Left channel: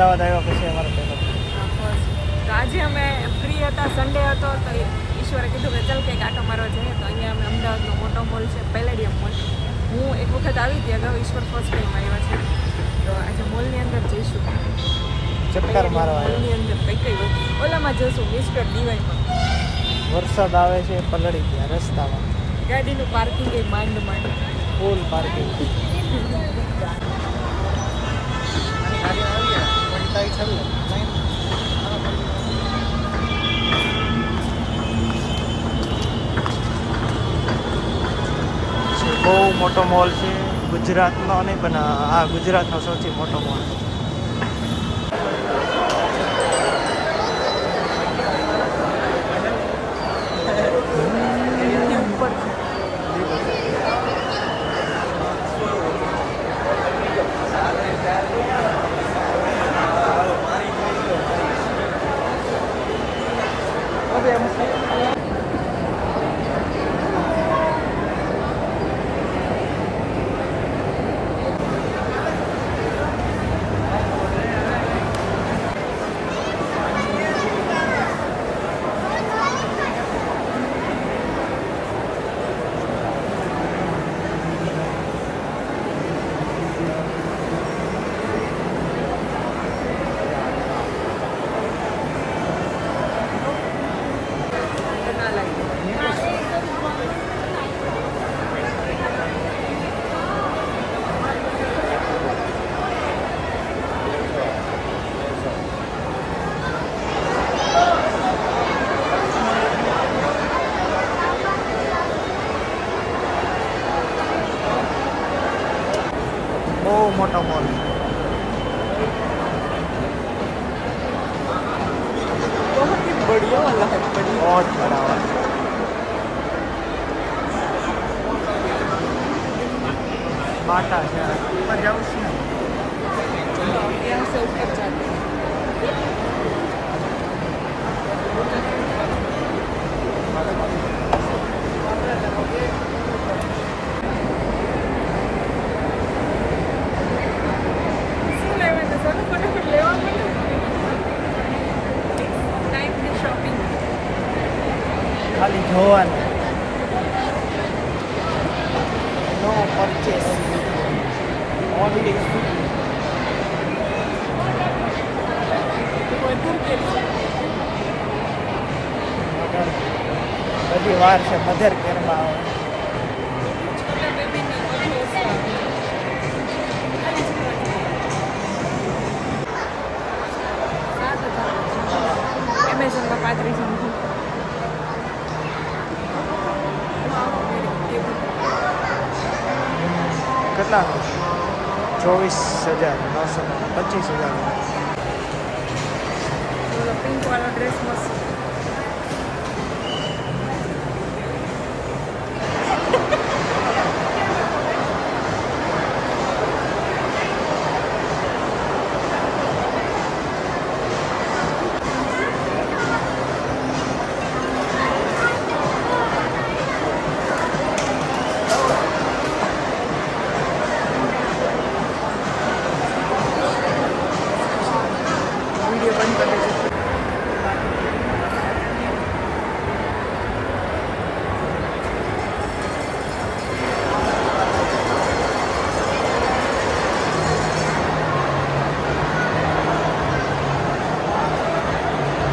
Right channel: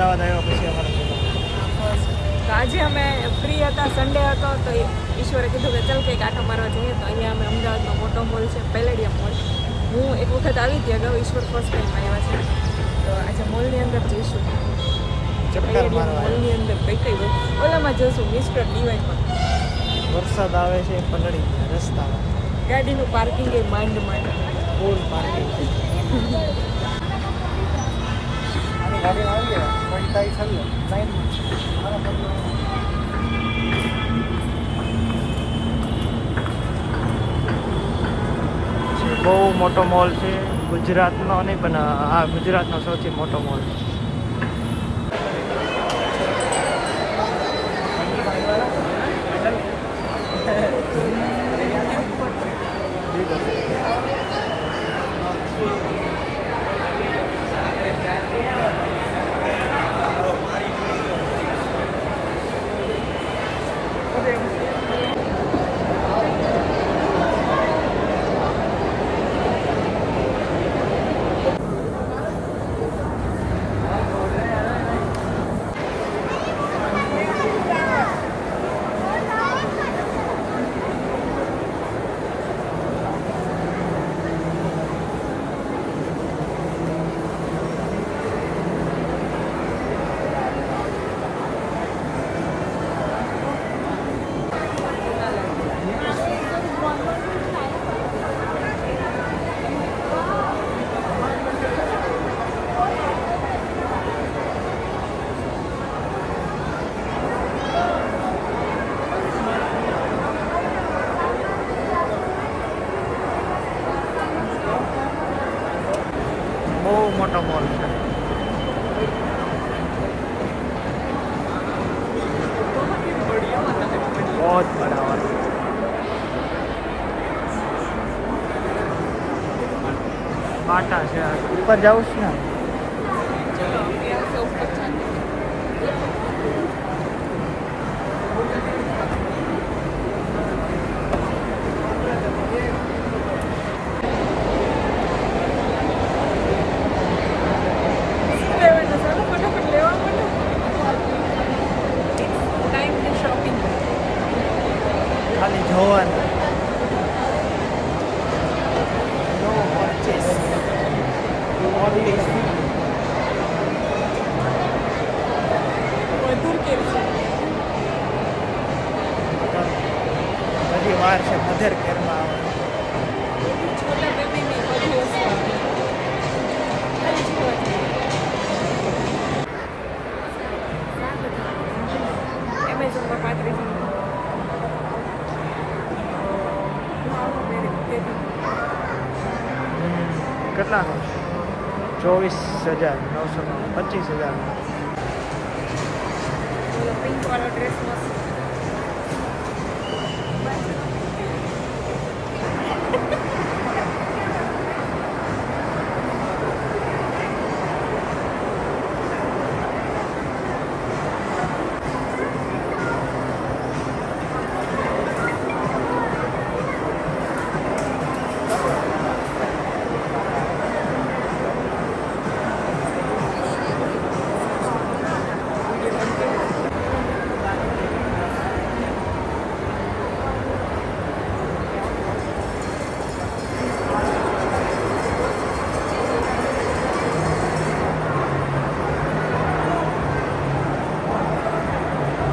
અમદાવાદ આવ્યા પછી અમારો પહેલો. તો આજે અમે ફ્રી હતા, સન્ડે હતો, તો ઈશ્વરે કીધું કે ચાલ કંઈક આટો મારવા જઈએ. તો અહીંયા અમે અમદાવાદનો મોટો મોલ છે પેલેડિયમ મોલ. હું એક વખત આવી હતી અગાઉ, ઈશ્વર ફર્સ્ટ ટાઈમ આવ્યા છે. તો આજે મોલની અંદર જઈશું, ચક્કર મારવા. મોલની અંદર કઈ ઓલામાં જઈશું મિસ્ટર ડીવાય પર. વરસાદ આવે છે, પલળી ગયા રસ્તામાં. ગાડીનું પાર્કિંગ એ માંડ ફૂલ પાર્કિંગ છે. બહુ મોટો મોલ છે, ગુજરાતનો નહીં પણ આ ગુજરાતનો સૌથી મોટો મોલ. બહુ મોટો મોલ છે. बहुत बड़ा वाला. बाटा છે ઉપર જાઉં છે ને. ખાલી જોવાનું. નો પરચેસ ઓનલી બધી વાર છે. મધર કેરમાં આવે. કેટલાનો? 24,900, 25,000.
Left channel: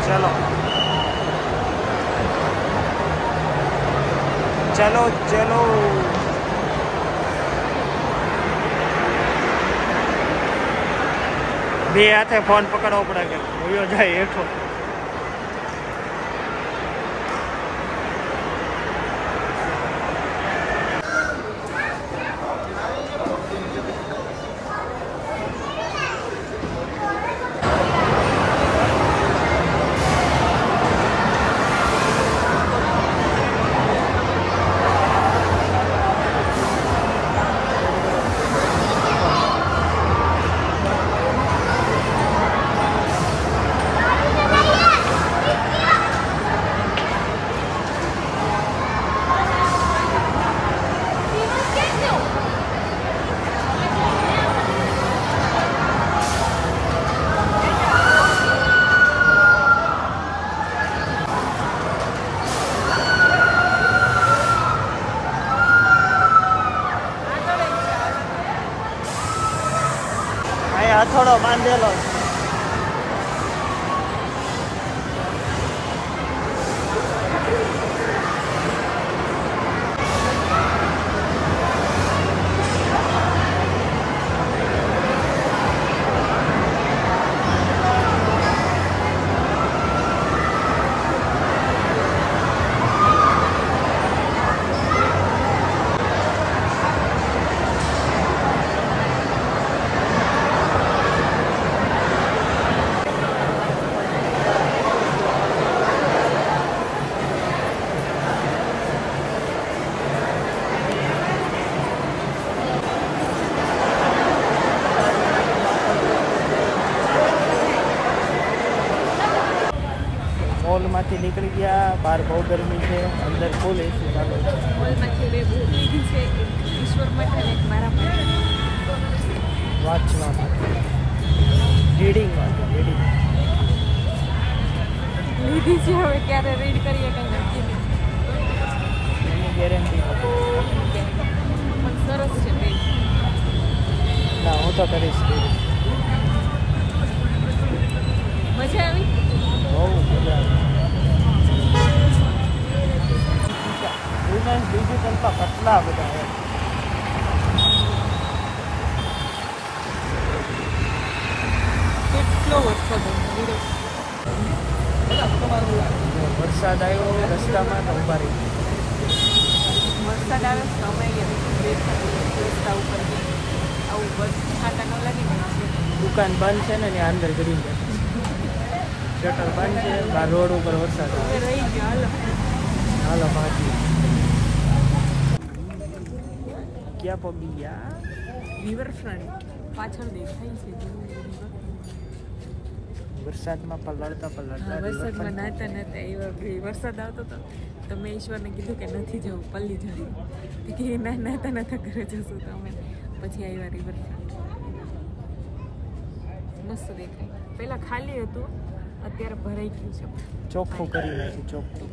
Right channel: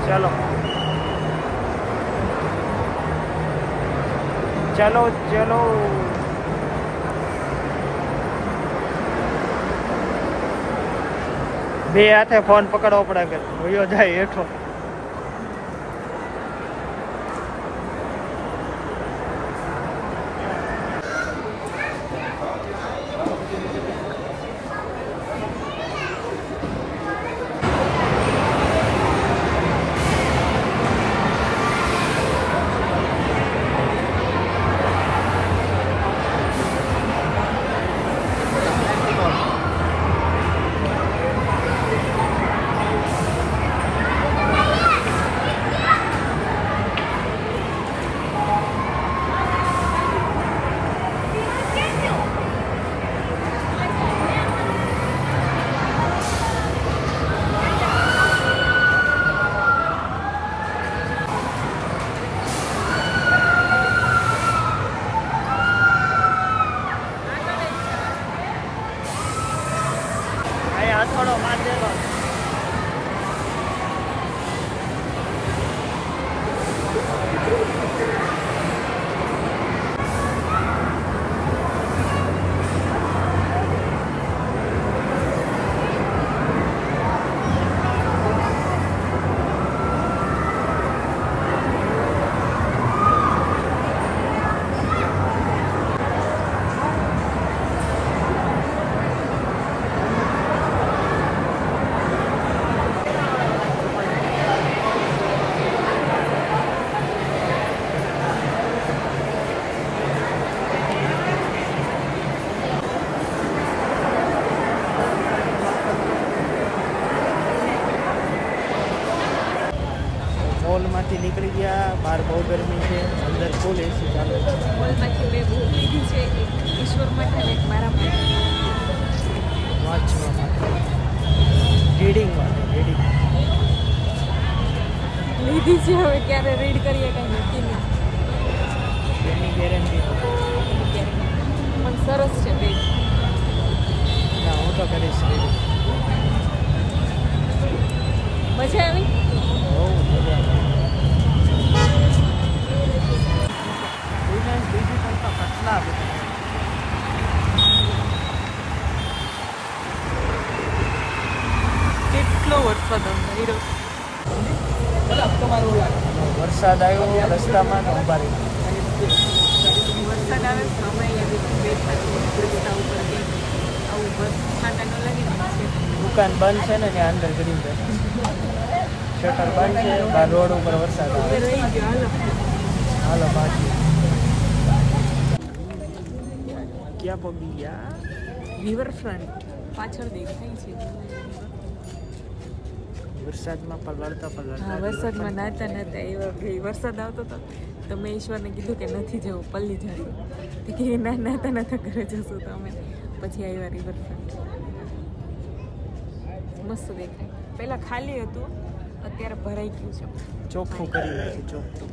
चलो चलो चलो. બે હાથે ફોન પકડવો પડે કે હોયો જાય હેઠો. મોલમાંથી નીકળી ગયા. બહાર બહુ ગરમી છે, અંદર ફૂલ એસી ચાલુ છે. મોલમાંથી 2 બુક લીધી છે, એક ઈશ્વર માટે અને એક મારા માટે. વાંચવા માટે, રીડિંગ માટે. રીડિંગ લીધી છે, હવે ક્યારે રીડ કરીએ કાંઈ નક્કી નહીં. એની ગેરંટી નથી. પણ સરસ છે બેગ. ના, હું તો કરીશ રીડિંગ. મજા આવી? બહુ મજા આવી. બીજું કરતા પતલા બધા છે. કેટલો વરસાદ આવ્યો. વરસાદ આવ્યો રસ્તામાં તો ઊભા રહી ગયા. વરસાદ આવે તો અમે બેઠા રસ્તા ઉપર કે આવું બસ ખાટા ન લાગી છે. દુકાન બંધ છે ને ત્યાં અંદર ગરીબ બેઠા. શટર બંધ છે, બહાર રોડ ઉપર વરસાદ આવે. રહી ગયો. હાલો હાલો ભાગીએ. ક્યાં પબી ગયા? રિવરફ્રન્ટ પાછળ દેખાય છે. વરસાદમાં પલળતા પલળતા વરસાદમાં નાતા નાતા વરસાદ આવતો હતો તો મેં ઈશ્વરને કીધું કે નથી જવું, પલ્લી જશું. તો કે ના નાતા નાતા ઘરે જશું. તો અમે પછી આવ્યા રિવરફ્રન્ટ. મસ્ત દેખાય. પહેલાં ખાલી હતું, અત્યારે ભરાઈ ગયું છે. ચોખ્ખું કરી નાખ્યું. ચોખ્ખું